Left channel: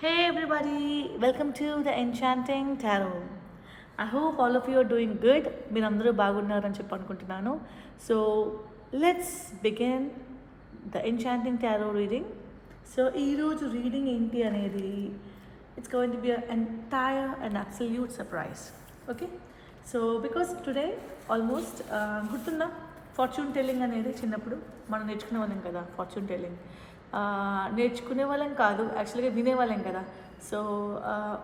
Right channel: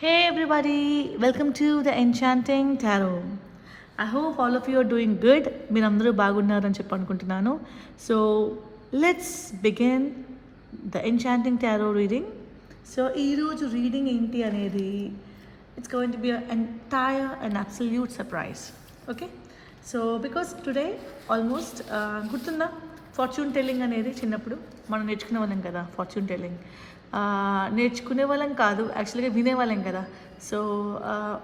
Hey everybody, welcome to the Enchanting Tarot. I hope all of you are doing good. మీరందరూ బాగున్నారని చెప్పనుకుంటున్నాను. So let's begin the Enchanting Tarot reading. So ఈరోజు reading ఏంటి అనేది it's going to be an entire and absolute surprise. Okay? So because today almost గుర్తుందా fortune telling అనేది చిన్నప్పుడు మనం నేర్చుకునే వాళ్ళం కదా ఫార్చ్యూన్ టెల్లింగ్. నేర్చుకునే వాళ్ళం కాదు, యాక్చువల్గా వినేవాళ్ళం కదా. సో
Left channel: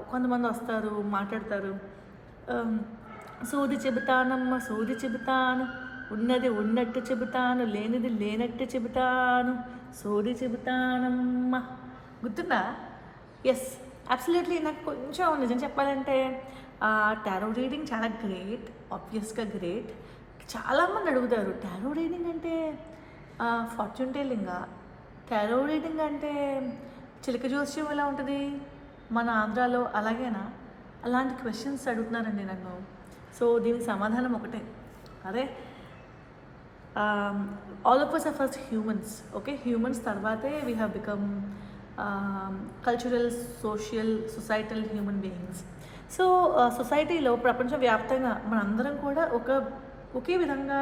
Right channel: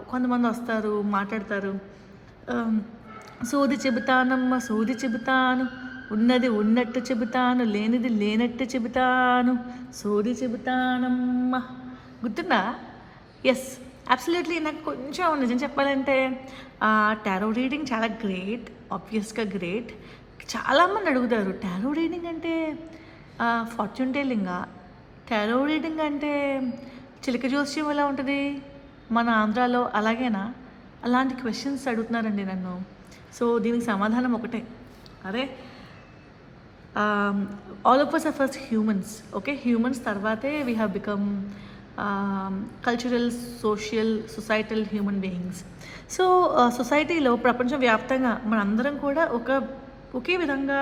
కొంతమంది వస్తారు మాట్లాడతారు, సోది చెబుతానమ్మ సోది చెబుతాను, ఉన్నది ఉన్నట్టు చెబుతాను, లేనిది లేనట్టు చెబుతాను, సోది చెబుతానమ్మ. గుర్తుందా? Yes, absolutely. నాకు కొంచెం నిజం చెప్పాలంటే టారో రీడింగ్ చాలా గ్రేట్, ఆబ్వియస్గా గ్రేట్. చాలామంది అడుగుతారు టారో రీడింగ్ అంటే ఫార్చ్యూన్ టెల్లింగా, టారో రీడింగ్ అంటే చిలక జోస్యం ఎలా ఉంటుంది మన ఆంధ్రాలో, అలాగేనా? అలాంటి క్వశ్చన్స్ అడుగుతున్నారండి నన్ను. సో దీనికి సమాధానం ఒకటే, అదే all of us are first humans. Okay, humans తర్వాతే we have become cultural, social, societal human beings. So సొసైటీలో ప్రపంచవ్యాప్తంగా మనందరం కూడా ఒకే విధంగా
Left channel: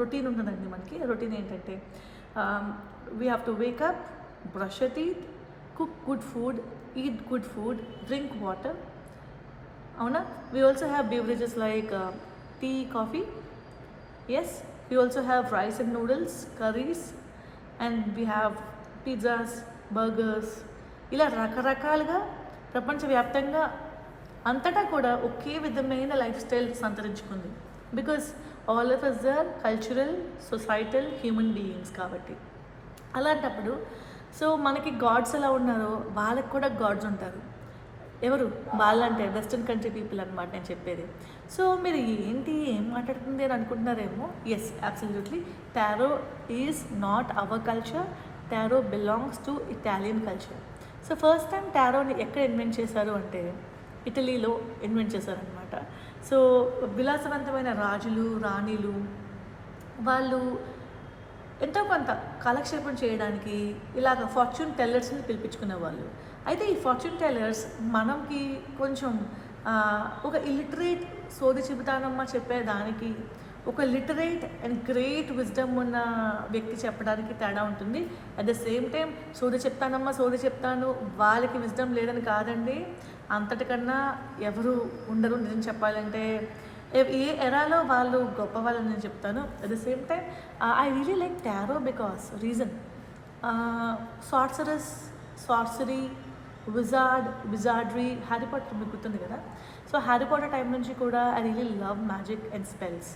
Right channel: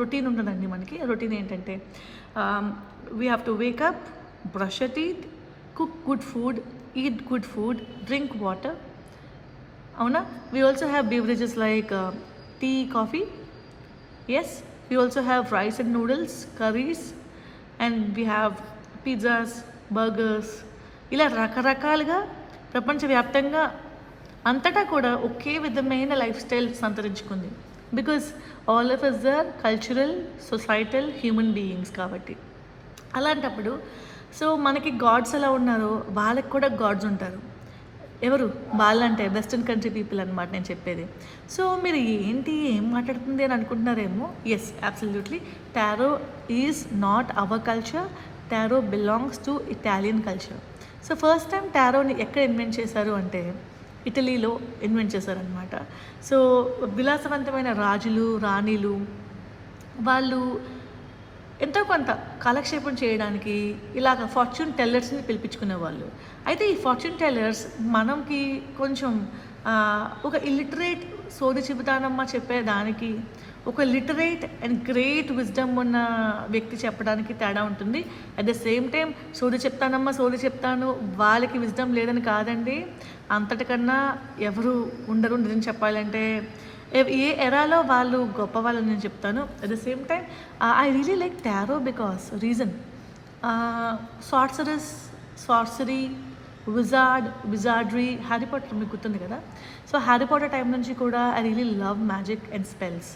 రొటీన్ ఉన్నదండి మనకి. రొటీన్ ఏంటంటే we have to wake up, brush your teeth, cook good food, eat good food, drink water. Avuna? We also have beverages like tea, coffee. Yes, we also have rice and noodles, curries, and we have pizzas, burgers. ఇలా రకరకాలుగా ప్రపంచవ్యాప్తంగా అంతటా కూడా ఒకే విధమైన life style సంతరించుకుంది. Because all of us are cultural, societal human beings కాబట్టి. అలాంటప్పుడు so మనకి గాడ్స్ ఎలా ఉన్నారు, వాళ్ళకి కూడా గాడ్స్ ఉంటారు. ఎవరు వాళ్ళంటే వెస్ట్రన్ కంట్రీ పీపుల్ అనమాట నేను చెప్పేది. సో మీరు ఏంటి ఏం మాట్లాడుతుంది అని అనుకుంటున్నారేమో. Yes, absolutely. Tarot is not our culture. Tarot belongs to Italian culture. So first time టారోని ఎక్కడ ఇన్వెంట్ చేశారు అంటే ఇటలీలో ఇన్వెంట్ చేశారనమాట. సో విలాసవంతమైన రాజులు, రాణిలు వాళ్ళు ఎంతో కొంత కాలక్షేపం చేయడానికి ఇలాగ ఫార్చ్యూన్ టెల్లర్స్ని పిలిపించుకునేవాళ్ళు. అయితే ఈ ఫార్చ్యూన్ టెల్లర్స్ మనకి కొంచెం ఒక ఇల్లిటరేట్ సోది చెబుతానమ్మా చెప్పేదానికి, ఒక లిటరేట్ అండ్ గ్రేట్ విజ్డమ్ ఉన్న వ్యక్తి చెప్పడానికి తేడా ఉంటుంది. అట్ ద సేమ్ టైం సోది చెప్తానమ్మా సోది చెప్తాను వాళ్ళకి విజ్డమ్ లేదని కాదండి, అంతటికన్నా ఎవరు ఉండరు నిజం చెప్పాలంటే. ఏ ఎరాలో వాళ్ళు గొప్ప వాళ్ళని నేను చెప్తాను. At the same time I really like tarot because reason sorcery, wizardry, Harry Potter మీకు గుర్తుంది కదా. సో హ్యారీ పాటర్ టైం నుంచి కూడా I really love magic and spells.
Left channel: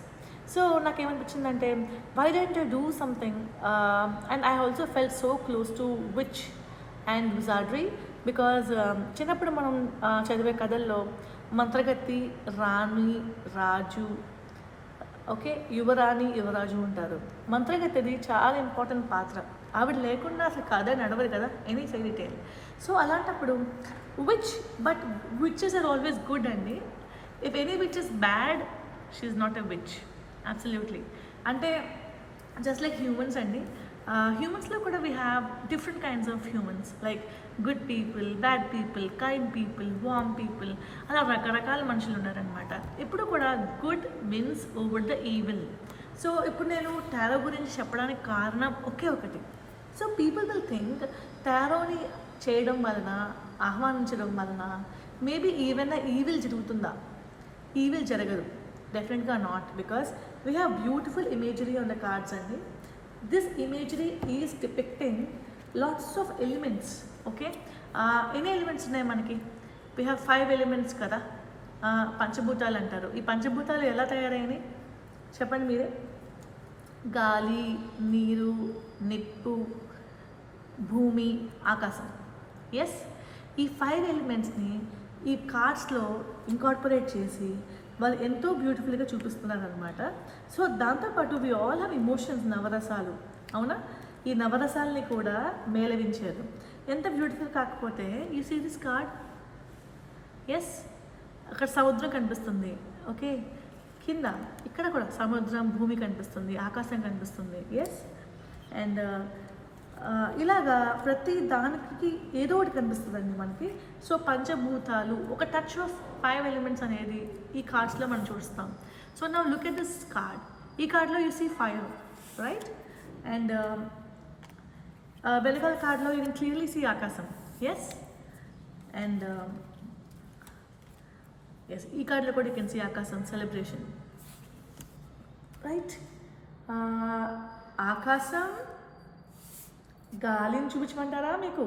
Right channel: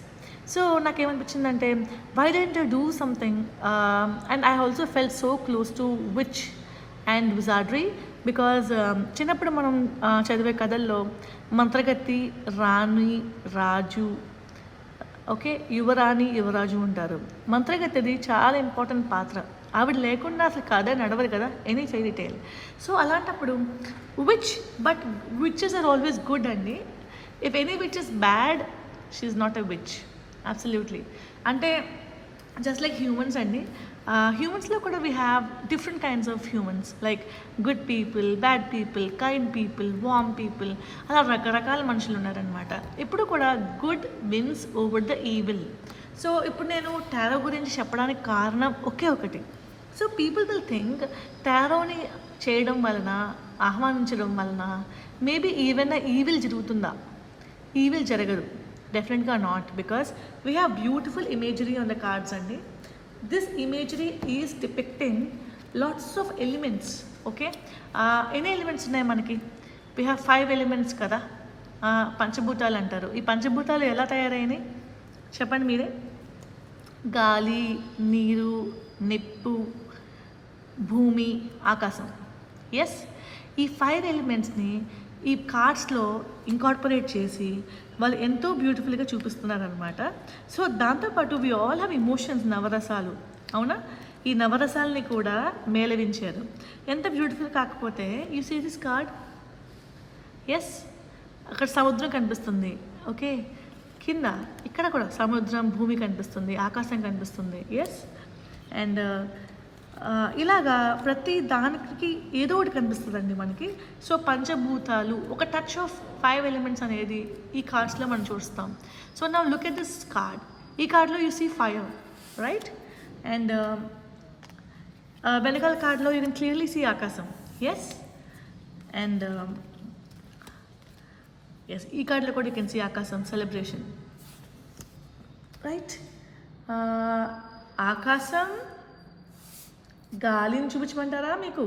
So నాకేమనిపించిందంటే why don't you do something, and I also felt so close to witch and wizardry. Because చిన్నప్పుడు మనం చదివే కథల్లో మంత్రగత్తి, రాణి, రాజు, ఓకే, యువరాణి, యువరాజు ఉంటారు. మంత్రగత్తిది చాలా ఇంపార్టెంట్ పాత్ర. ఆవిడ లేకుండా అసలు కథ నడవదు కదా, ఎనీ ఫెయిరీ టేల్. సో అలాంటప్పుడు విచెస్ ఆర్ ఆల్వేస్ గుడ్ అండి. If any witch is bad, she is not a witch. Absolutely. అంటే జస్ట్ లైక్ హ్యూమన్స్ అండి, హ్యూమన్స్లో కూడా we have different kinds of humans, like good people, bad people, kind people, warm people, అలా రకరకాల మనుషులు ఉన్నారనమాట. ఇప్పుడు కూడా good wins over the evil. So ఇప్పుడు నేను టారో గురించి చెప్పడానికి కారణం ఒకే ఒకటి. సో పీపుల్ విల్ థింక్ టారోని చేయడం వలన, ఆహ్వానించడం వలన మేబీ ఏమైనా ఈవిల్ జరుగుతుందా? ఈవిల్ జరగదు, డెఫినెట్గా not, because we have beautiful imagery on the cards అండి. This imagery is depicting lots of elements. Okay, ఎన్ని ఎలిమెంట్స్ ఉన్నాయి మనకి? వీ హ్యావ్ 5 ఎలిమెంట్స్ కదా, పంచభూతాలు అంటారు. ఈ పంచభూతాలు ఎలా తయారైనాయి చెప్పండి మీరే. గాలి, నీరు, నిప్పు, భూమి, ఆకాశం. ఎస్, ఈ 5 ఎలిమెంట్స్ని ఈ కార్డ్స్లో ఇంకార్పొరేట్ చేసి వాళ్ళు ఎంతో బ్యూటిఫుల్గా చూపిస్తున్నారనమాట. సో దాంతోపాటు వి ఆల్ హ్యావ్ ఇమోషన్స్, నవరసాలు. అవునా? ఈ నవరసాలని కూడా మేళవించారు. ఎంత బ్యూటిఫుల్ కాకపోతే you see this card. Yes, అక్కడ సముద్రం కనిపిస్తుంది. ఓకే, కింద ఇక్కడ కూడా సముద్రం, భూమి కనిపిస్తుంది, ఆకాశం కనిపిస్తుంది. ఎస్, అండ్ ఇలాగా ప్రతి దానికి ఏదో ఒకటి కనిపిస్తుందండి మనకి. సో పంచభూతాలు, ఒక టచ్ ఆఫ్ 5 ఎలిమెంట్స్ అనేది ఈ కార్డ్స్లో మనం చూస్తాం. So now look at this card. ఈ కార్డ్లో you see fire, right? And వెనకాల కార్డ్లో యూ కెన్ క్లియర్లీ సీ ఆకాశం. ఎస్. అండ్ ఎస్, ఈ కార్డ్లో కూడా యూ కెన్ సీ ఆకాశం, సెలబ్రేషన్, రైట్? ఆకాశం, గాలిని చూపించమంటారా మీకు?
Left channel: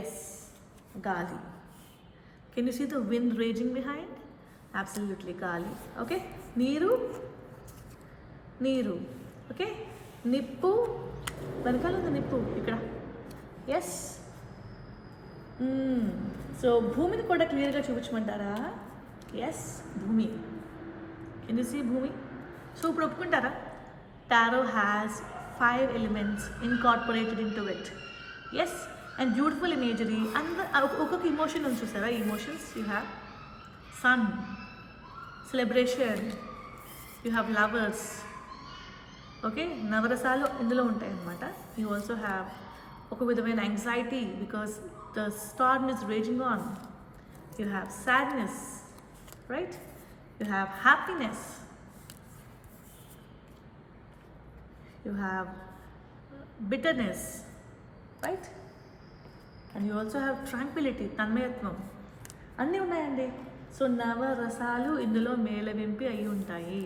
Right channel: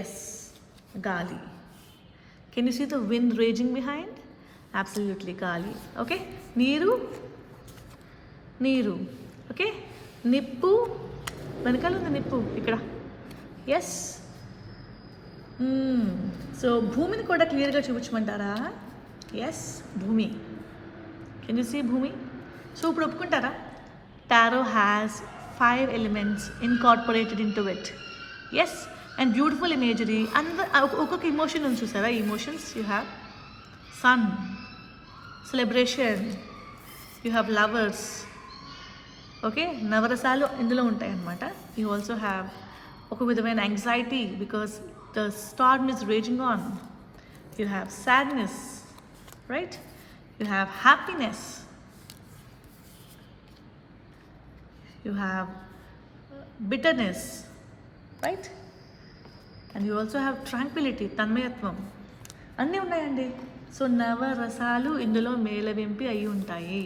ఎస్, గాలి. Can you see the wind raging behind? Absolutely గాలి. ఓకే. నీరు, నీరు. ఓకే. నిప్పు, వెనకాల ఉంది నిప్పు ఇక్కడ. ఎస్. సో భూమిని కూడా క్లియర్గా చూపించమంటారా? ఎస్, భూమి. కెన్ యూ సీ భూమి? సో ఇప్పుడు ఒప్పుకుంటారా? Tarot has 5 elements incorporated into it. Yes, and beautiful imagery. And ఒక్కొక్క ఎమోషన్ ఉంది చూసారా? Emotions you have sun, celebration, you have lovers. Okay, నవరసాలు ఇందులో ఉంటాయి అన్నమాట. యూ ఆల్సో హ్యావ్ ఒక విధమైన anxiety because the storm is raging on. You have sadness, right? You have happiness. You have bitterness, right? And you also have tranquility, tanmayatvam. అన్నీ ఉన్నాయండి. So నవరసాలు ఇందులో మేళవింపి అయి ఉంటాయి.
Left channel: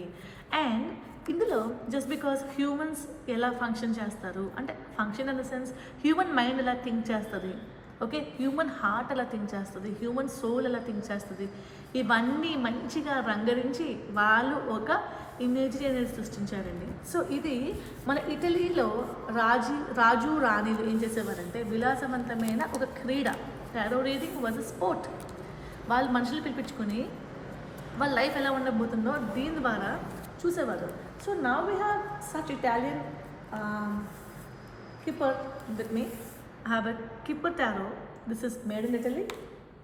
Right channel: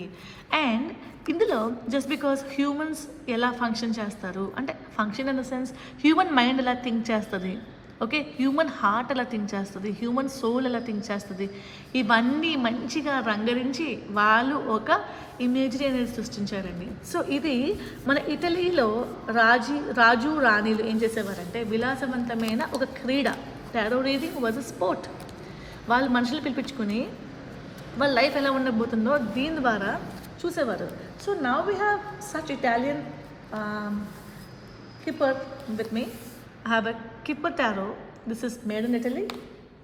అండ్ ఇందులో జస్ట్ బికాస్ హ్యూమన్స్ ఎలా ఫంక్షన్ చేస్తారు అంటే, function in the sense human mind ఎలా థింక్ చేస్తుంది, ఓకే, హ్యూమన్ హార్ట్ ఎలా థింక్ చేస్తుంది, హ్యూమన్ సోల్ ఎలా థింక్ చేస్తుంది, ఇవన్నీ మంచిగా రంగరించి వాళ్ళు ఒక ఇమేజ్ అనేది సృష్టించారండి. సో ఇది మన ఇటలీలో రాజు రాణిలు ఏం చేసేవారంటే, విలాసవంతమైన ఒక క్రీడ, tarot reading was a sport. వాళ్ళు మనుషులు పిలిపించుకొని వాళ్ళ లైఫ్ ఎలా ఉండబోతుందో దీని ద్వారా చూసేవారు. So now we have such Italian keeper with me. I have a Kipper tarot. This is made in Italy.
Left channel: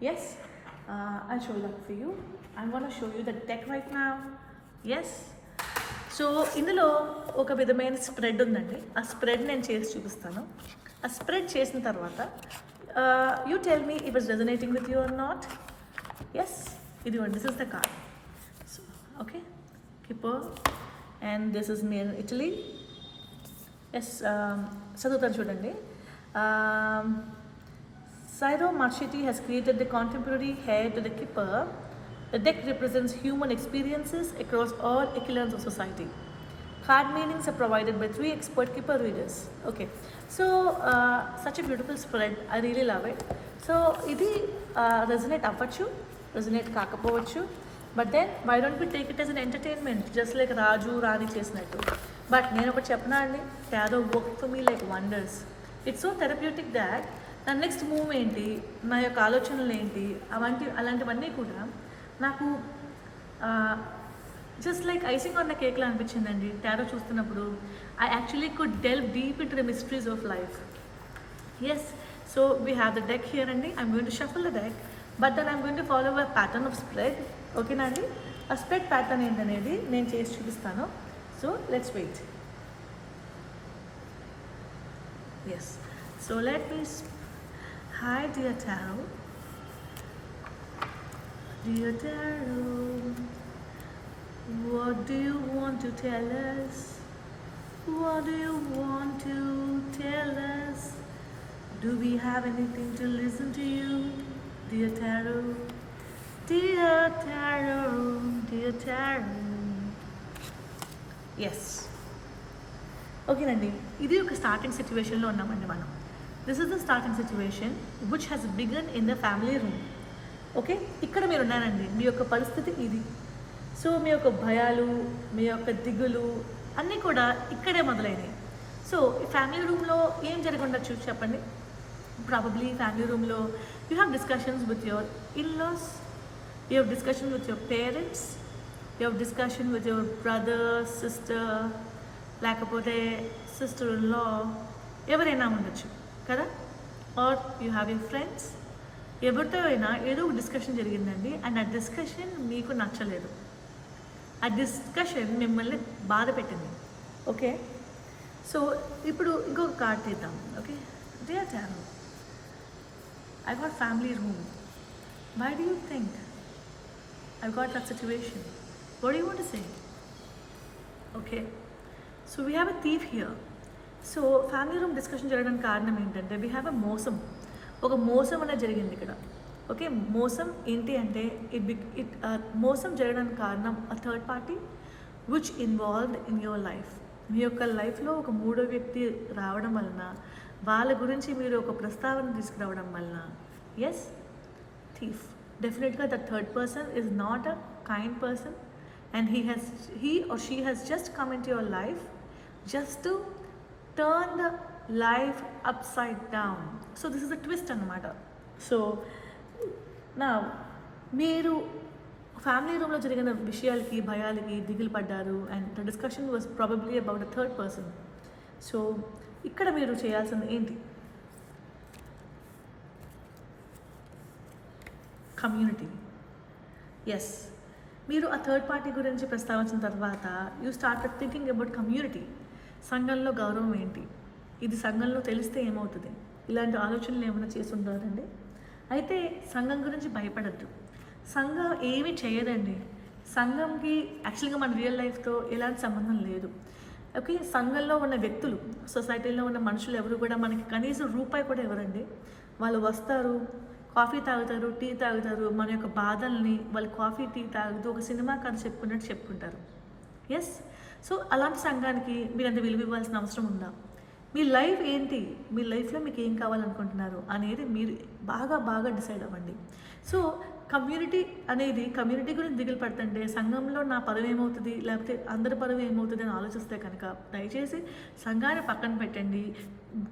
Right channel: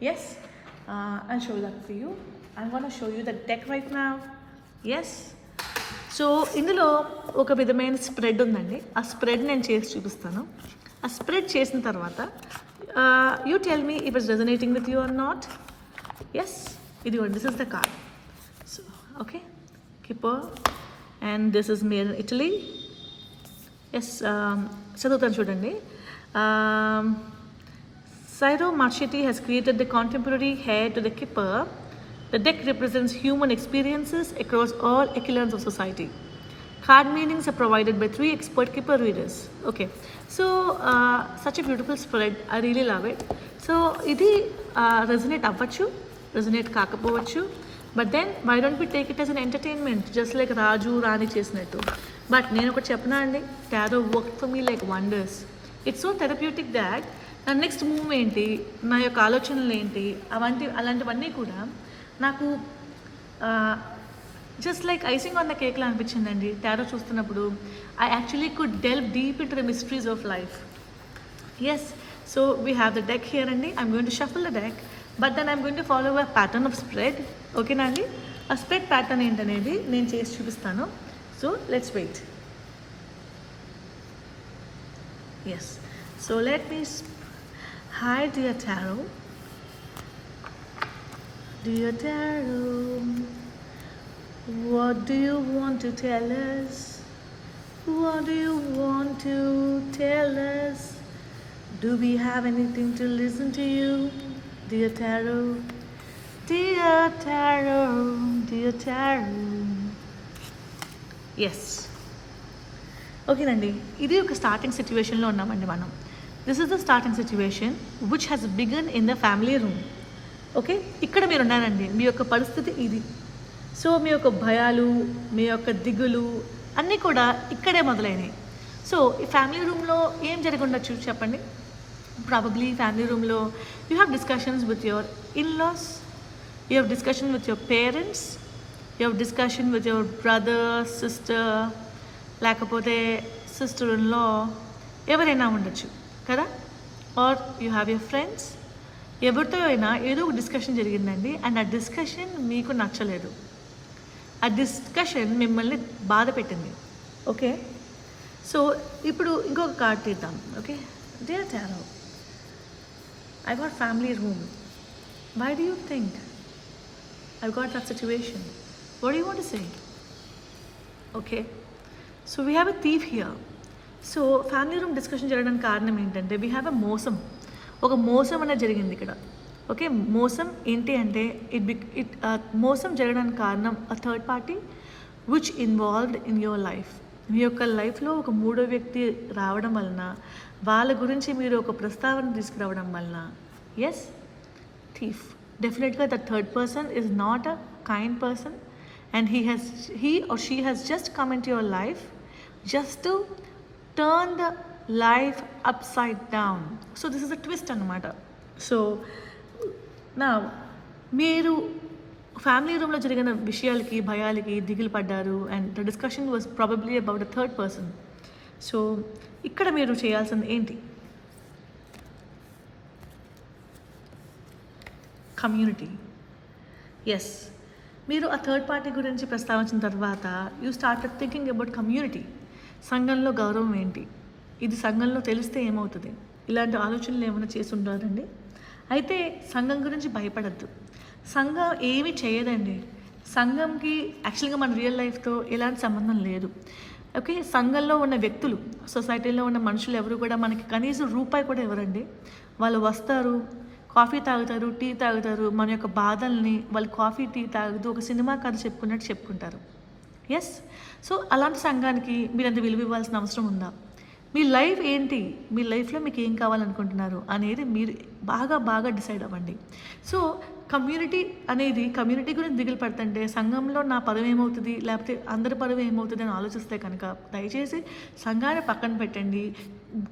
Yes, I'll show that for you. I'm going to show you the deck right now. Yes. So ఇందులో ఒక విధమైన spread ఉందండి. ఆ spread నేను చేసి చూపిస్తాను. ఆ spread చేసిన తర్వాత you tell me if it's resonating with you or not. Yes, ఇది this is the card. So okay, kipper and this is made in Italy. Yes, చదువుతాను చూడండి. Ciro Marchetti has created the contemporary heir to the Kipper. The deck represents human experiences across all echelons of society. Card meanings are provided by 3 expert Kipper readers. Okay, so such a beautiful spread. I really love it. So ఇది resonate అవ్వచ్చు, resonate కాకపోవచ్చు. But then why don't we take it as an entertainment, just like రాజు రాణి చేసినట్టు. But నేను ఒకటి చెప్పనా అండి, tarot work for me like wonders. It's so therapeutic that నా next move ఏంటి, నా యొక్క ఆలోచనలు ఏంటి, అలాంటివన్నీ కూడా నాకు just like icing on the కేక్లా అనిపించిందండి టారో చూస్తున్నప్పుడు. I actually could delve deep into the mysteries of life. Yes, so we have the deck here అండి. I'm going to shuffle the deck, but then I'm going to follow a pattern of spread. ఓకేనా అండి? ఆ spread pattern ఏంటనేది నేను చేసి చూపిస్తాను. So let's wait. Yes, so let me hi dear tarot. Dear tarot, what do you want to tell us? What do you want to tell us? Do we have anything to listen to you, dear tarot? Dear tarot, dear tarot. Yes. ఓకేనండి, ఇది ఒక starting సిచ్యువేషన్లో ఉన్నామండి మనం. This is the starting situation which has began in the family room. Okay, ఇక్కడ మీరు ఉన్నారండి, మీ యొక్క పరిస్థితి ఇది. సో మీ యొక్క భయాలు, మీ యొక్క దిగులు అన్నీ కూడా ఇక్కడే మొదలైనవి. సో ఈ ఫ్యామిలీ రూమ్లో ఏం జరిగి ఉండొచ్చు చెప్పండి? ప్రాబబ్లీ ఫ్యామిలీ రూమ్లో you have discussions with your in-laws, you have discussion with your parents, you have discussion with your brother, sister, లేకపోతే సిస్టర్ ఇన్ లా, ఎవరైనా ఉండొచ్చు కదా. Or you have your friends, ఎవరితో అయినా ఏదో ఒక డిస్కషన్ జరిగిందండి. అండ్ ఆ డిస్కషన్ మీకు నచ్చలేదు, ఆ డిస్కషన్ మిమ్మల్ని బాధ పెట్టింది. ఓకే, సో ఇప్పుడు ఇంకొక కార్డ్ తీద్దాం. Okay, dear tarot, I got family room. Why do you think I've got that situation? What do you want to say? Okay, so we have a thief here. So family room discussion జరగడానికి కారణం ఏంటంటే we have a మోసం. ఒక మోసం అనేది జరిగింది ఇక్కడ. Okay, మోసం ఏంటి అంటే మోసం జరగడానికి కారణం a third party which involved in your life. మీ యొక్క లైఫ్లో ఒక మూడో వ్యక్తి రావడం వలన, వాళ్ళ గురించి మీరు ఒక ప్రస్తావన తీసుకురావడం వలన, ఎస్, థీఫ్. డెఫినెట్గా the third person is not a kind person and he or she has just come into your life just to turn the life upside down. So this is a twist అన్నమాట. So నా మీరు family రూమ్లో జరిగిన విషయాలకి, భయాలకి దిగులు పడ్డారు and the discussion was probably about the third person. So ఇక్కడ మీరు చేయాల్సింది ఏంటి? కమ్యూనిటీ. ఎస్, మీరు ఆ థర్డ్ పార్టీ గురించి ప్రస్తావించిన తర్వాత you started thinking about community. సంఘంలో గౌరవం ఏంటి, ఇది సంఘంలో తెలిస్తే ఏమవుతుంది, ఇలాంటి ఆలోచనలు ఏమైనా చేసి ఉండాలండి. అయితే సంఘం గురించి భయపడద్దు. సంఘం ఏమి చేయదండి. సంఘంకి యాక్చువల్గా మన రియల్ లైఫ్తో ఎలాంటి సంబంధం లేదు. ఓకే, సంఘంలో ఉన్న వ్యక్తులు, సొసైటీలో ఉన్న మనుషులు ఎవరు కూడా మనకి కనీసం రూపాయి కూడా ఇవ్వరండి. వాళ్ళు వస్తారు, కాఫీ తాగుతారు, టీ తాగుతారు, మన యొక్క బాధల్ని వాళ్ళు కాఫీ టీ తాగుతూ ఒక సినిమా కథ చెప్పుకున్నట్టు చెప్పుకుంటారు. ఎస్, సో అలాంటి సంఘానికి మీరు అంత విలువ ఇవ్వాల్సిన అవసరం ఉందా? మీ లైఫ్ ఏంటి, మీ లైఫ్లో మీకు ఏం కావాలనుకుంటున్నారు అనేది మీరు బాగా డిసైడ్ అవ్వండి. సో కమ్యూనిటీ గురించి దిగులు పడుతుంటే సంఘంలో నా పదవి ఏమవుతుంది, లేకపోతే అందరి పదవి ఏమవుతుంది అని ఆలోచిస్తే కనుక దయచేసి సంఘాన్ని పక్కన పెట్టండి.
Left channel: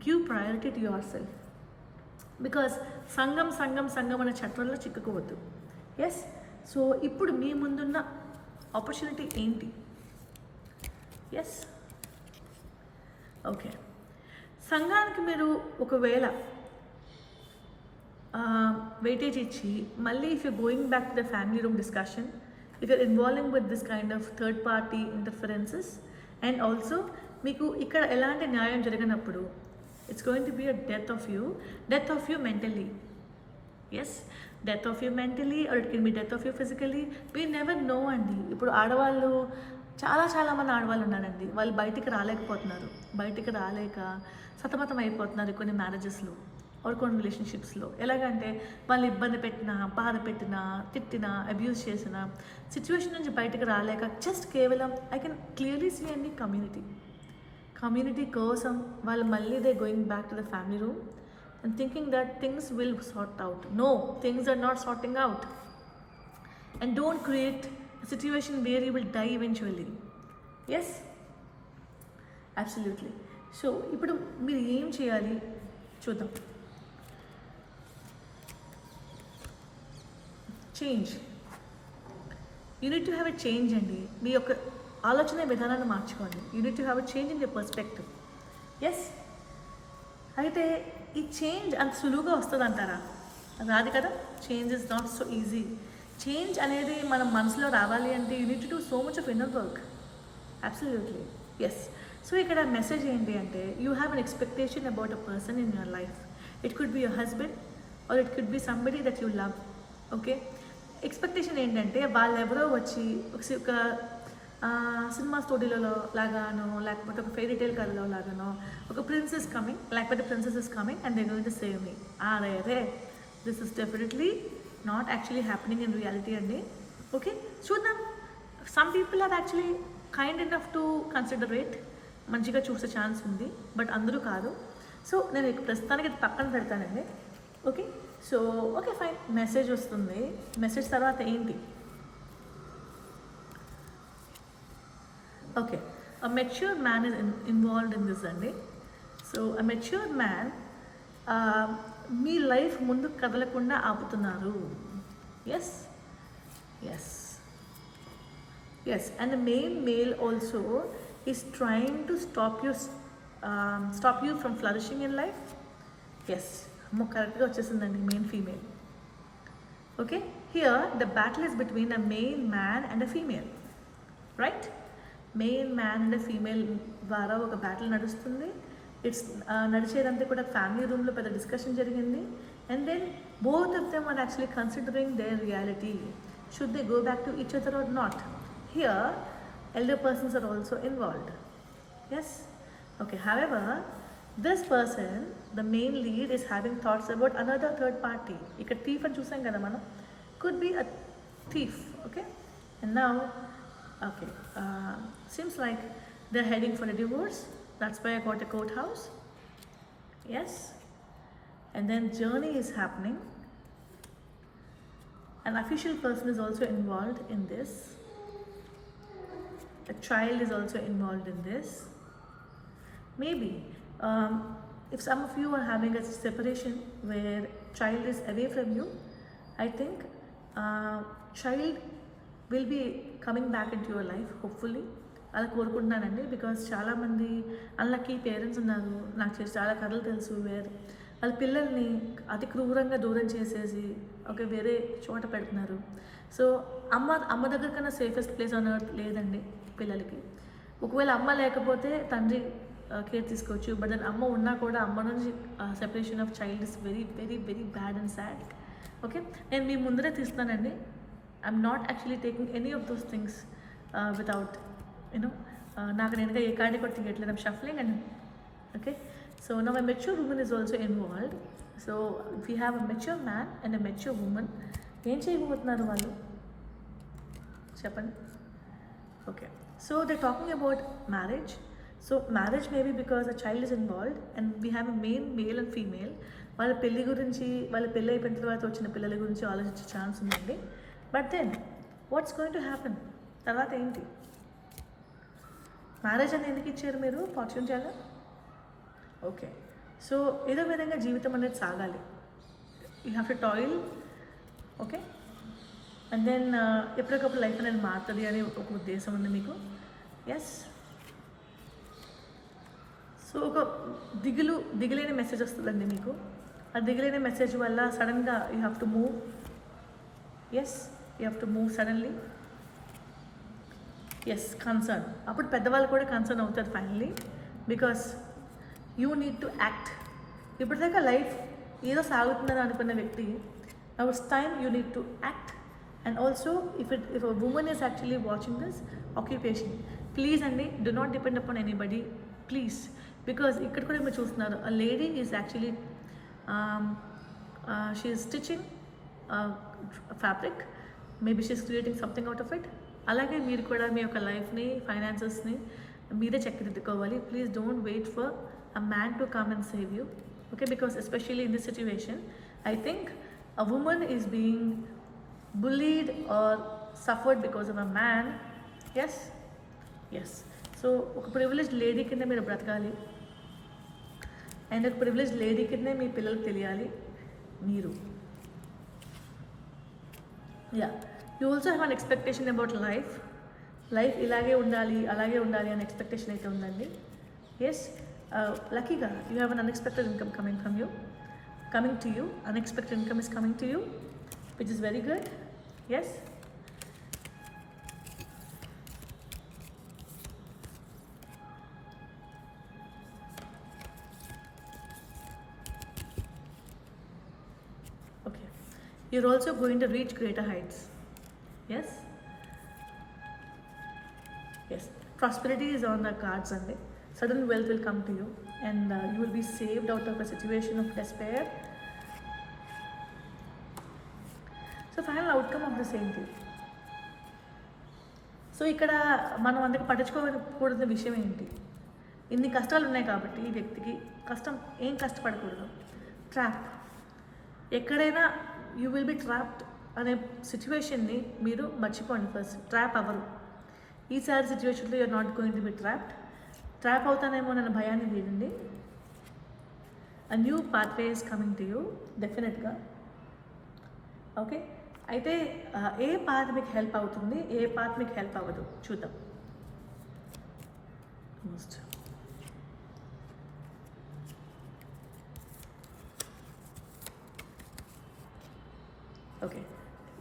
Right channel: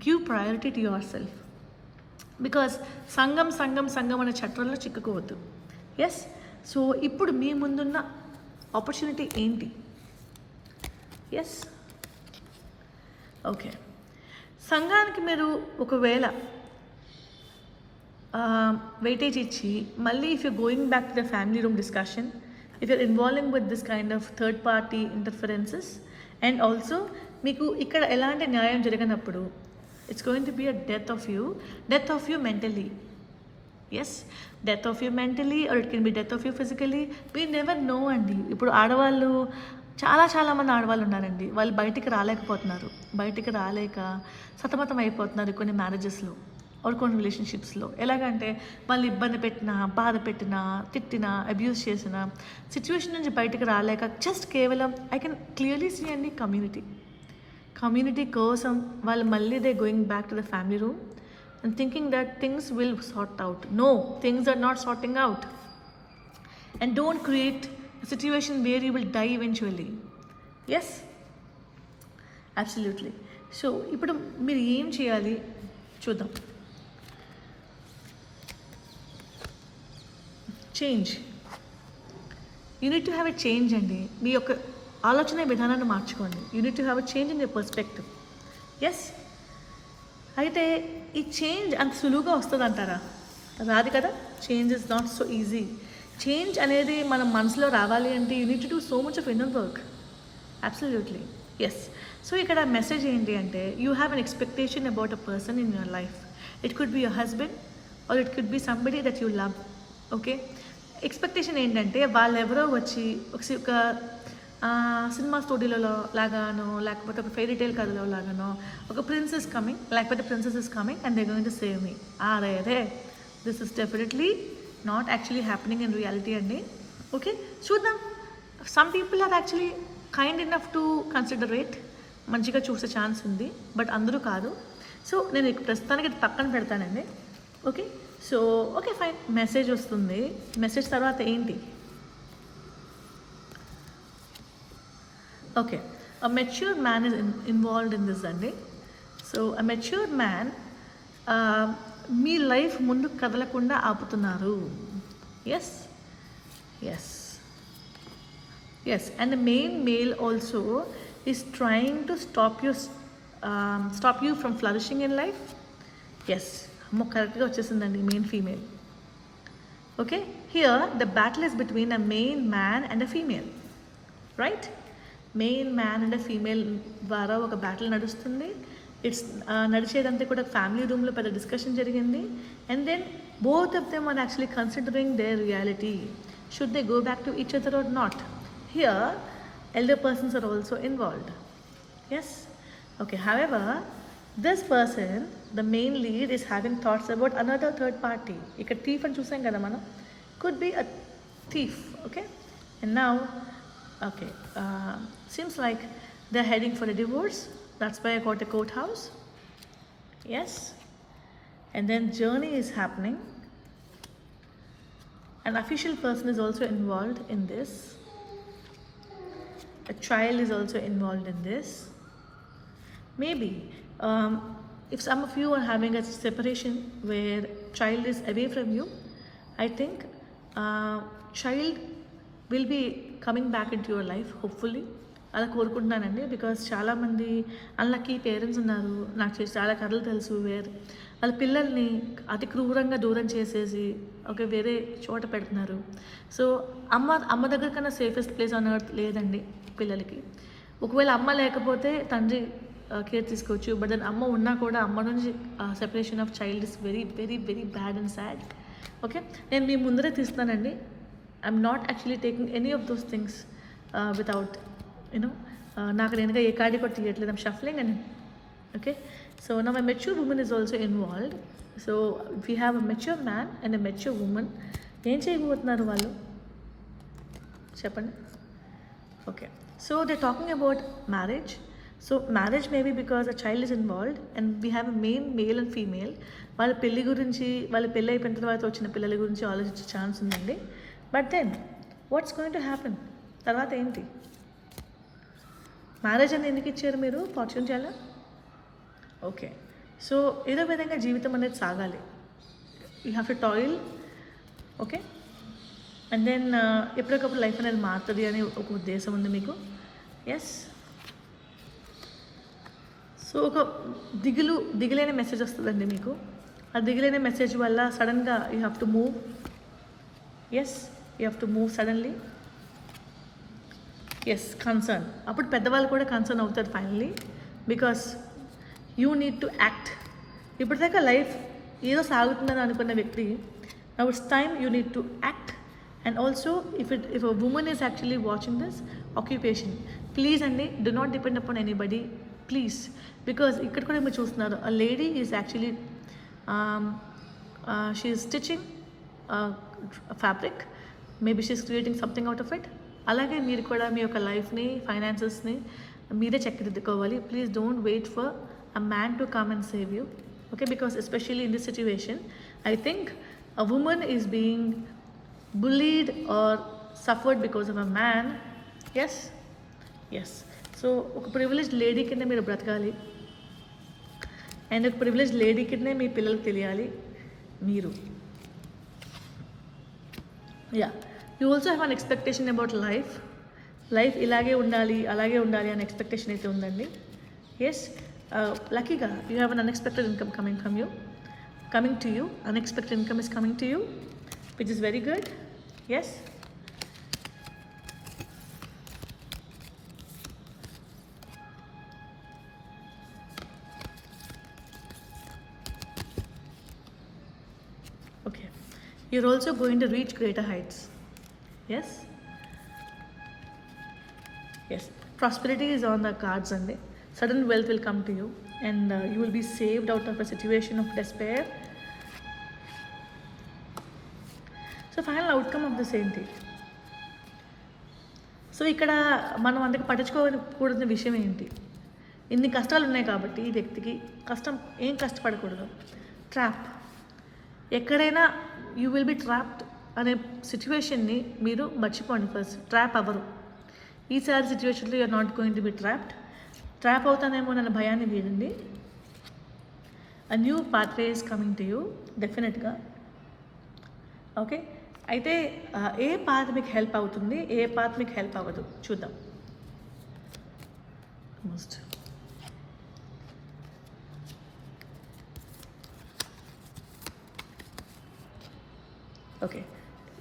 Give priority to your self. Because సంఘం అనే చట్టంలో చిక్కుకోవద్దు. ఎస్, సో ఇప్పుడు మీ ముందున్న ఆపర్చునిటీ ఏంటి? ఎస్, ఓకే, సంఘానికి మీరు ఒకవేళ వెయిటేజ్ ఇచ్చి మళ్ళీ if you going back to the family room discussion, if you're involving with this kind of third party interferences and also మీకు ఇక్కడ ఎలాంటి న్యాయం జరిగినప్పుడు it's going to be a death of you mentally. Yes, death of you mentally, or it can be death of you physically. We never know అండి. ఇప్పుడు ఆడవాళ్ళు చాలా మంది ఆడవాళ్ళు ఉన్నారండి, వాళ్ళు బయటికి రాలేక సతమతం అయిపోతున్నారు కొన్ని మ్యారేజెస్లో ఆర్ కొన్ని రిలేషన్షిప్స్లో. ఎలాగంటే వాళ్ళు ఇబ్బంది పెట్టినా, బాధ పెట్టినా, తిట్టినా, అబ్యూస్ చేసిన సిచ్యువేషన్ నుంచి బయటికి రాలేక జస్ట్ కేవలం ఐ కెన్ క్లియర్లీ సీ అండి కమ్యూనిటీ కోసం వాళ్ళు మళ్ళీ they going back to the family room and thinking that things will sort out. No, things are not sorting out and don't create situation where you will die eventually. Yes, absolutely. So ఇప్పుడు మీరు ఏం చేయాలి చూద్దాం. Change, you need to have a change అండి. మీ యొక్క ఆలోచన విధానాన్ని మార్చుకోండి. You need to have a change in your perspective. Yes, అయితే ఈ చేంజ్ అంత సులువుగా వస్తుంది అంటారా? రాదు కదా. Change is not so easy. Change అనేది మన మనసులో రావాలి అంటే you need to do so much of inner work. Absolutely. Yes, so ఇక్కడ మెసేజ్ ఏంటి అంటే you have an expectation about a person in your life. It could be your husband or it could be somebody that you love. Okay, expectation ఏంటంటే వాళ్ళు ఎవరో వచ్చి ఒక cinema స్టోరీలలో లాగానో, లేకపోతే ఒక ఫెయిరీ టైల్ కథలో లాగానో, ఒక ప్రిన్సెస్ కమింగ్, లేకపోతే princess is coming and they going to save me. అదే this is definitely not actually happening in reality అండి. ఓకే, చూద్దాం. Some people are actually kind enough to consider it. మంచిగా చూసే chance ఉంది, బట్ అందరూ కాదు. So నేను ప్రస్తుతానికి ఇది పక్కన పెడతానండి. Okay, so okay fine. Message వస్తుంది. మెసేజ్ తర్వాత ఏంటి? Okay, a mature man is involved in this అండి. సో a mature man మీ లైఫ్ ముందు కదలకుండా ఆపుతున్నారు. Yes, and the main male also is trying to stop you from flourishing in life. Yes, కరెక్ట్గా వచ్చేసిందండి. Main female. Okay, here the battle is between a male man and a female, right? Main man and female ద్వారా ఒక battle నడుస్తుంది. It's నడిచేదంతా కూడా family రూమ్లో పెద్ద discussion జరిగింది. And then both of them are actually considering their reality. Should they go back to each other or not? Here elder persons are also involved. Yes? Okay, however, this person, the main lead, is having thoughts about another third party. Ikkada thief ani chusam kada mana, could be a thief. Okay, and now, okay, seems like they're heading for a divorce. That's why I got a courthouse. Yes, and then journey is happening. An official person is also involved in this. A child is also involved in this. Maybe if some of you are having a separation where child is away from you, I think child will be coming back into your life, hopefully. అలా కోరుకుంటున్నానండి. Because చాలామంది unlucky parents ఉన్నారు. నాకు చాలా కథలు తెలుసు wear వాళ్ళ పిల్లల్ని అతి క్రూరంగా దూరం చేసేసి ఒక వేరే చోట పెడుతున్నారు. సో అమ్మ దగ్గర కన్నా సేఫెస్ట్ ప్లేస్ ఆన్ ఎర్త్ లేదండి పిల్లలకి. ఒకవేళ అమ్మ లేకపోతే తండ్రి కేర్ తీసుకోవచ్చు. బట్ దెన్ అమ్మ ఉన్నా కూడా అమ్మ నుంచి separation of child is very very very bad and sad. Okay, నేను మీ ముందరే తీస్తానండి. I'm not actually taking any of those things without you know నాకు నేనుగా ఏ కార్డు కూడా తీయట్లేదు. I'm shuffling and okay. So now a mature woman is also involved. So we have a mature man and a mature woman. ఏం చేయబోతున్నారు వాళ్ళు చెప్పండి? Okay, so they're talking about marriage. So marriage may be because a child is involved and we have a main male and female. వాళ్ళ పెళ్ళి గురించి, వాళ్ళ పెళ్ళి అయిపోయిన తర్వాత వచ్చిన పిల్లల గురించి ఆలోచించే ఛాన్స్ ఉందండి. But then what's going to happen? తర్వాత ఏంటి? మ్యారేజ్ అని ఎందుకు ఇచ్చారు మీరు? ఫార్చ్యూన్ చేయాలా? ఓకే, సో ఏదో విధంగా జీవితం అనేది సాగాలి. You have to toil. Okay, and then ఎప్పటికప్పుడు లైఫ్ అనేది మారుతుంది అని ఒక ఉద్దేశం ఉంది మీకు. ఎస్, సో ఒక దిగులేని మెసేజ్ వస్తుందండి మీకు. ఆ దిగులేని మెసేజ్ వల్ల సడన్గా you have to move. Yes, you have to move suddenly. Yes, concern. అప్పుడు పెద్దవాళ్ళు కూడా కన్సర్న్ అవుతారు finally, because you need to act. ఇప్పటిదాకా లైఫ్ ఏదో సాగుతుందని అనుకున్న వ్యక్తి, now it's time you need to act. And also, if a woman is actually watching this, occupation, please అండి, do not depend upon anybody, please. Because ఇక్కడ కూడా మీరు చూస్తున్నారు, a lady is actually she is stitching a fabric, maybe she is creating something out of it. అలాగే మీరు కూడా మీ యొక్క లైఫ్ని, ఫైనాన్సెస్ని మీరే చక్కదిద్దుకోవాలి. Please don't wait for a man to come and save you. Okay, because especially in this situation, I think a woman is being bullied or suffered because of a man. Yes, yes. So ఒక privileged lady కింద మీరు బ్రతకాలి, and ఒక privileged lady కింద మీ పిల్లలకు తెలియాలి మీరు. Yeah, you also have an expectation about life. Life ఇలాగే ఉండాలి, అలాగే ఉండాలి అనే ఎక్స్పెక్టేషన్ అయితే ఉందండి. ఎస్, లక్కీగా you have an unexpected income coming to you. Unexpected income is coming to you, which is very good. Yes, okay, you're also going to reach greater heights. Yes, yes, prosperity is on the cards and sudden wealth will come to you, and you will be saved out of a situation of despair. So final outcome of this ఏంటి? So ఇక్కడ మనం అందరికి పట్టించుకోకూడని విషయం ఏంటి? ఇన్ని కష్టాలు ఉన్నాయి కాబట్టి ఈ వ్యక్తికి ఏం కష్టపడకూడదు. ట్రాప్. ఎక్కడైనా యూ విల్ బి ట్రాప్డ్ అనే సిచ్యువేషన్ని మీరు మర్చిపోండి. ఫస్ట్ ట్రాప్ అవ్వరు. ఈసారి సిచ్యువేషన్లో you're not going to be trap అవుతానేమో అన్న భయాన్ని వీడండి. A new pathway is coming to you డెఫినెట్గా. ఓకే, అయితే ఏ పాత్ మీకు హెల్ప్ అవుతుంది, ఏ పాత్ మీకు హెల్ప్ అవ్వదు చూద్దాం. ఓకే,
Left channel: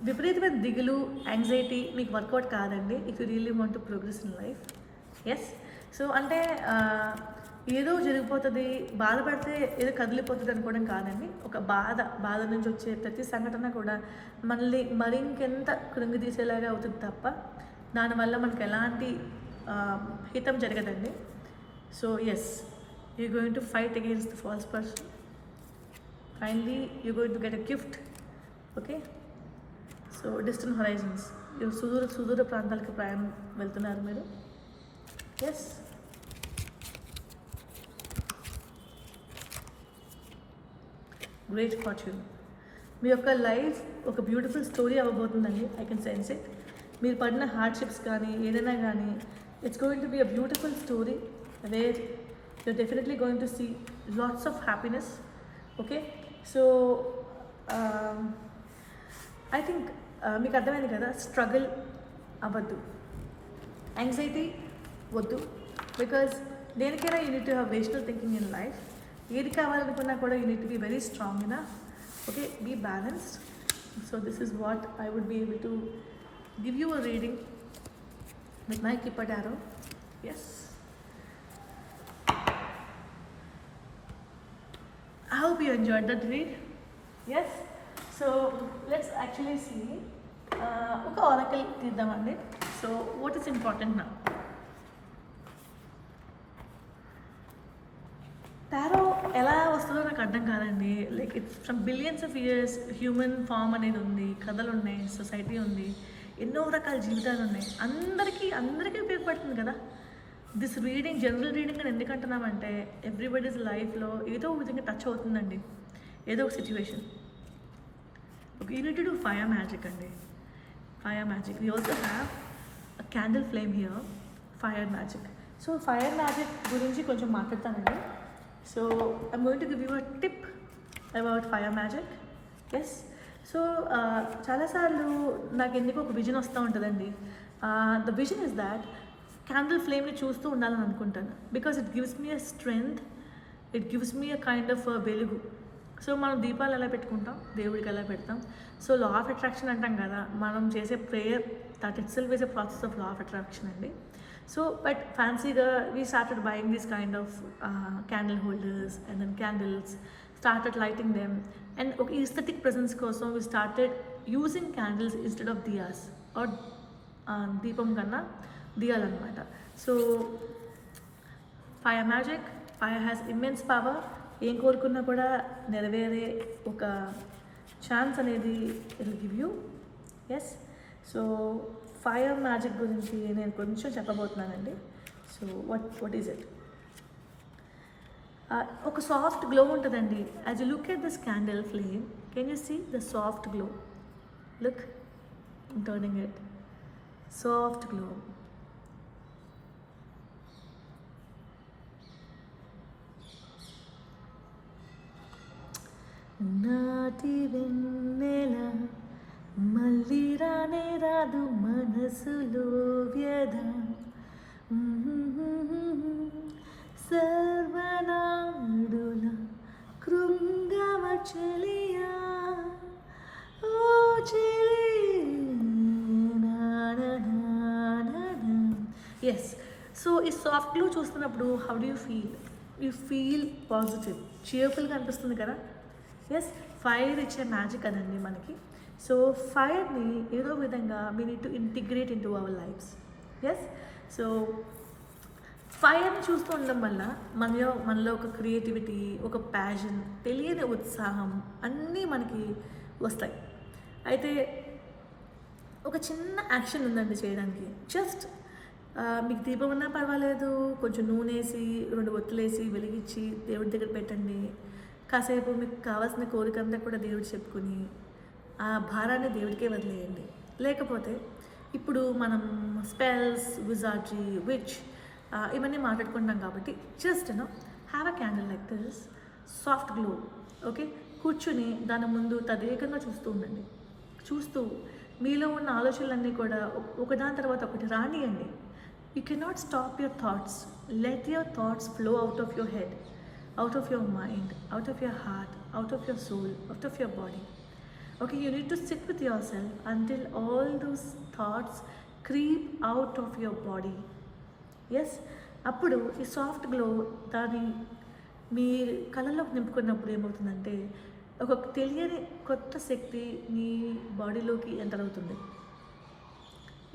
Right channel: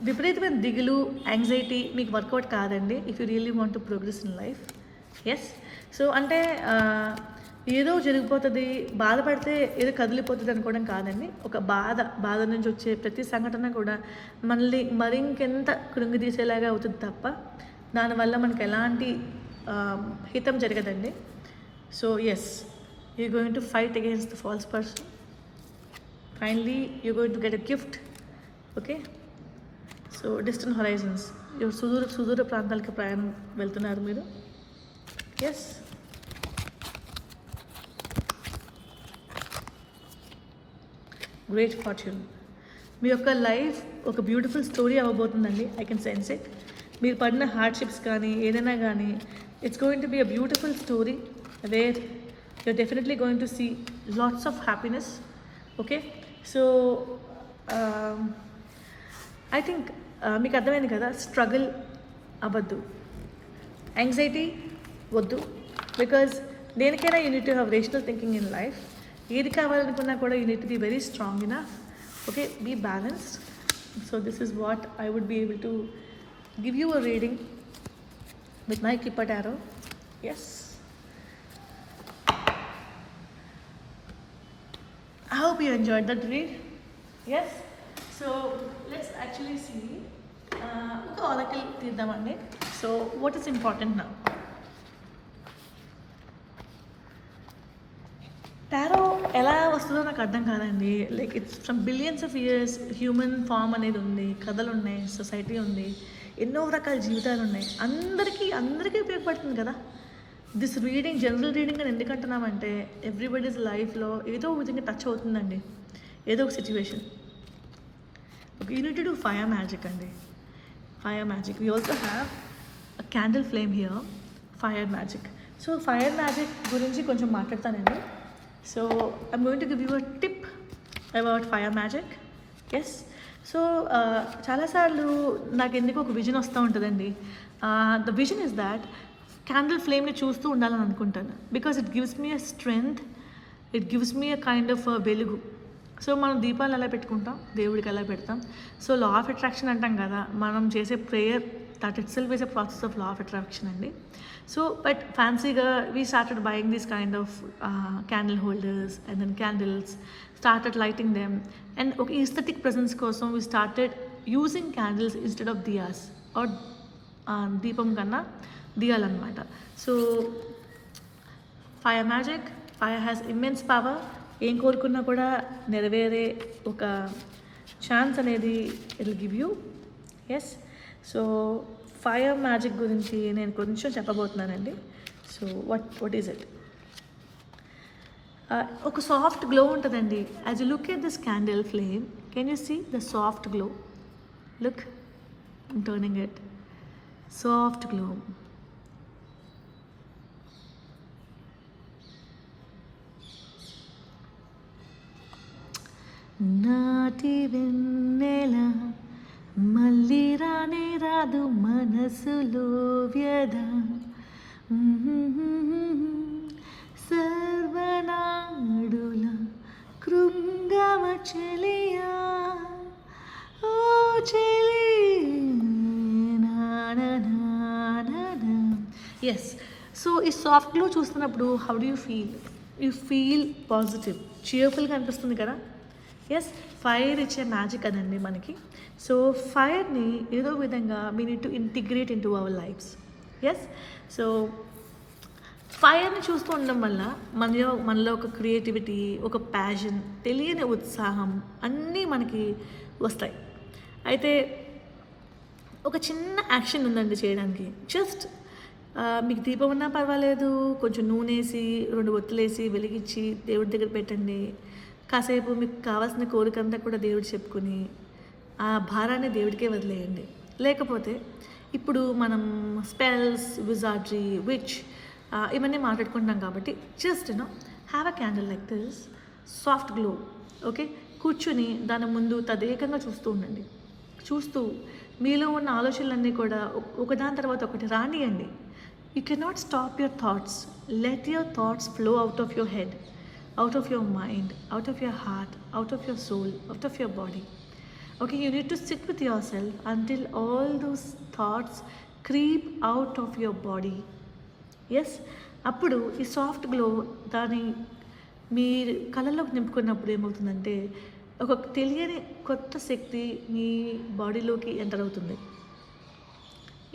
విపరీతమైన దిగులు, యాంగ్జైటీ మీకు వర్కౌట్ కాదండి. If you really want to progress in life, yes. So అంటే ఏదో జరిగిపోతుంది, బాధపడితే ఏదో కదిలిపోతుంది అనుకోవడం కాదండి. ఒక బాధ నుంచి వచ్చే ప్రతి సంఘటన కూడా మనల్ని మరింకెంత కృంగిదీసేలాగా అవుతుంది తప్ప దానివల్ల మనకు ఎలాంటి హితం జరగదండి. So yes, you going to fight against the false person. Finally you going to get a gift. Okay, so distant horizons, సుదూర ప్రాంతాలకి ప్రయాణం వెళ్తున్నారు మీరు. Yes, great fortune. మీ యొక్క లైఫ్ ఒక బ్యూటిఫుల్ స్టోరీ అవ్వబోతుందండి. I can sense it. మీరు పడిన హార్డ్షిప్స్ కానీ ఏదైనా కానీ it's going to be a beautiful story where you're definitely going to see lots of happiness. Okay, so I think మీకు అర్థమైంది కదా, స్ట్రగుల్ అవ్వద్దు, యాంగ్జైటీ వద్దు. బికాజ్ దేనికైనా you need to have rational thinking in life. ఏది కావాలనుకున్నా కూడా you need to be very strong enough. Okay, be balanced. So this is what I would be able to give you a reading with my Kippa Tarot. Yes, I hope you enjoyed that read. Yes, so let's actually see oka oracle తీద్దామండి. So what is important now? Tarot ఎలా వస్తుందో నాకు అర్థం కాదండి. Like it's from billions of years human form అనేది ఉంది, కథలు ఉన్నాయి, సొసైటీ ఉంది, ఎన్నో రకాల జీవితాలు ఉన్నాయి. అందరికీ ఉపయోగపడుతుంది కదా. దిస్ రీడింగ్ జనరల్ రీడింగ్ అని ఎందుకంటున్నామంటే ఎవ్రీబడీస్ లైఫ్లో ఏదో విధంగా టచ్ అవుతుందండి, ఏదో ఒక situation. Okay, you need to do fire magic అండి. Fire magic, we also have a candle flame here, fire magic. So fire magic గురించి కొంచెం మాట్లాడతానండి. So I'm going to give you a tip about fire magic. Yes, so చాలాసార్లు నాకు ఎందుకు ఒక vision వస్తూ ఉంటుందండి. The vision is that candle ఫ్లేమ్ని చూస్తూ ఉండాలని అనుకుంటాను. Because it gives me a strength, it gives me a kind of వెలుగు. సో మనం దీపాలు ఎలా పెట్టుకుంటాం, దేవుడికి ఎలా పెడతాం. సో లా ఆఫ్ అట్రాక్షన్ అంటాం కదా, మనం చేసే prayer that itself is a process of law of attraction అండి. సో బట్ ఫ్యాన్సీగా we started buying this kind of candle holders and then candles, started lighting them, and okay, aesthetic presence కోసం we started using candles instead of diyas or దీపం కన్నా దియాలు అనమాట. So fire magic, fire has immense power. ఏం కోరుకున్నా కూడా నెరవేరే ఒక ఛాన్స్ అనేది it will give you. Yes, so fire magic గురించి నేను కొంచెం చెప్పబోతున్నానండి. So what is it? ఒక సాఫ్ట్ గ్లో ఉంటుందండి. As you look at this candle flame, can you see the soft glow? Look, I'm turning it. Soft glow. నాటి వెన్నెల మళ్ళీ రానే రాదు మనసులో వ్యధ, సర్వనాడుల కృంగమ చెలియా ఓ చెలి. ఎస్, సో ఈ సాఫ్ట్ గ్లో చూస్తున్నప్పుడు how do you feel? You feel positive, చియర్ఫుల్గా అనిపిస్తుంది కదా. ఎస్, ఫైర్ ఇచ్చే మ్యాజిక్ అదండి మనకి. సో ఫైర్ని ఏదో విధంగా we need to integrate into our lives. Yes, so ఫైర్ని చూస్తూ ఉండడం వల్ల మనలో ఒక క్రియేటివిటీ, ఒక ప్యాషన్, తెలియని ఉత్సాహం అన్నీ మనకి వస్తాయి. అయితే ఒక చిన్న యాక్షన్ ఉందండి చేయడానికి. జస్ట్ మీకు దీపం ఉన్నా పర్వాలేదు, కొంచెం నూనె వేసి 2 ఒత్తులేసి వెలిగించి దేవుడి దగ్గర పెట్టండి. కాసేపు మీకు కావాల్సిన కోరికంతా కూడా దేవుడు చెప్పుకొని ఆ భారాన్ని దేవుడికే వదిలేయండి. లేకపోతే ఇప్పుడు మనం స్పెల్స్, విజార్డరీ, విచ్ ఇవన్నీ మాట్లాడుకుంటున్నాం కాబట్టి just have a candle like this, soft glow. Okay, కూర్చొని దాని ముందు తదేకంగా చూస్తూ ఉండండి. చూస్తూ మీలో ఉన్న ఆలోచనలన్నీ కూడా ఒకదాని తర్వాత ఒకటి రానియండి. You cannot stop your thoughts. Let your thoughts flow out of your head, out of your mind, out of your heart, out of your soul, out of your body. Okay, you need to sit with yourself until all those thoughts creep out of your body. Yes, అప్పుడు ఈ soft glow దాని మీ కళ్ళలోకి నింపుకున్నప్పుడు ఏమవుతుందంటే ఒక తెలియని కొత్త శక్తి మీ బాడీలోకి enter అవుతుంది.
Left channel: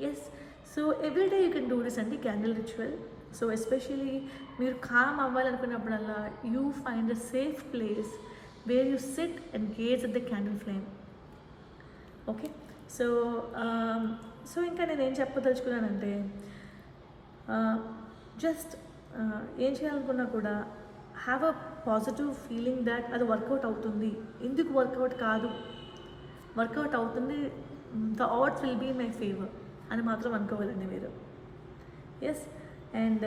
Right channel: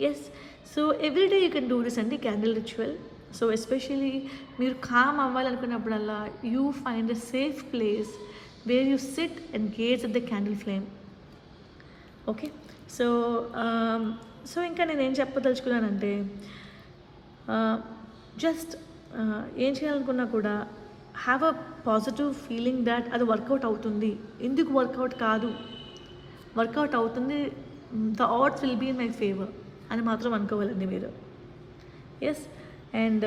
Yes, so everyday you can do this అండి క్యాండిల్ రిచువల్. సో ఎస్పెషలీ మీరు కామ్ అవ్వాలనుకున్నప్పుడల్లా you find a safe place where you sit and gaze at the candle flame. Okay, so so ఇంకా నేను ఏం చెప్పదలుచుకున్నానంటే జస్ట్ ఏం చేయాలనుకున్నా కూడా have a positive feeling that అది వర్కౌట్ అవుతుంది. ఎందుకు వర్కౌట్ కాదు, వర్కౌట్ అవుతుంది, the odds will be in my favour అని మాత్రం అనుకోవాలండి మీరు. ఎస్, అండ్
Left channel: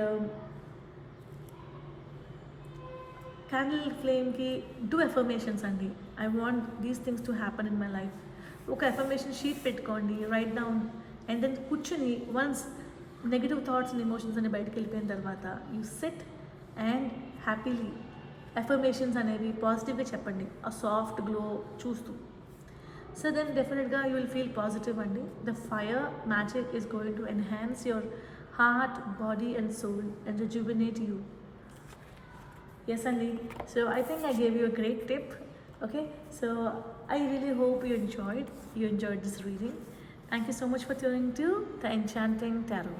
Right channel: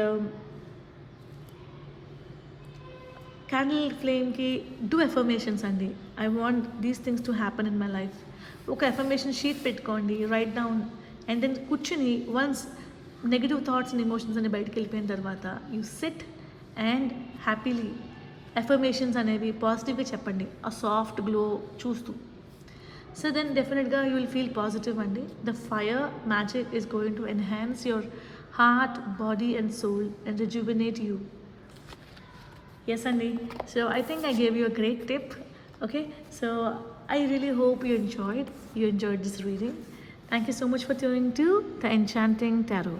క్యాండిల్ ఫ్లేమ్కి డూ ఎఫర్మేషన్స్ అండి. I want these things to happen in my life. ఒక ఎఫర్మేషన్ షీట్ పెట్టుకోండి, రైట్ డౌన్, అండ్ దెన్ కూర్చుని once negative thoughts and emotions అని బయటకు వెళ్ళిపోయిన తర్వాత you sit and happily affirmations అనేవి పాజిటివ్గా చెప్పండి ఆ సాఫ్ట్ గ్లో చూస్తూ. సో దెన్ డెఫినెట్గా యూ విల్ ఫీల్ పాజిటివ్ అండి. The fire magic is going to enhance your heart, body and soul and rejuvenate you. Yes, Andy. So I think I gave you a great tip. Okay, so I really hope you enjoyed this reading. Thank you so much for tuning to the Enchanting Tarot.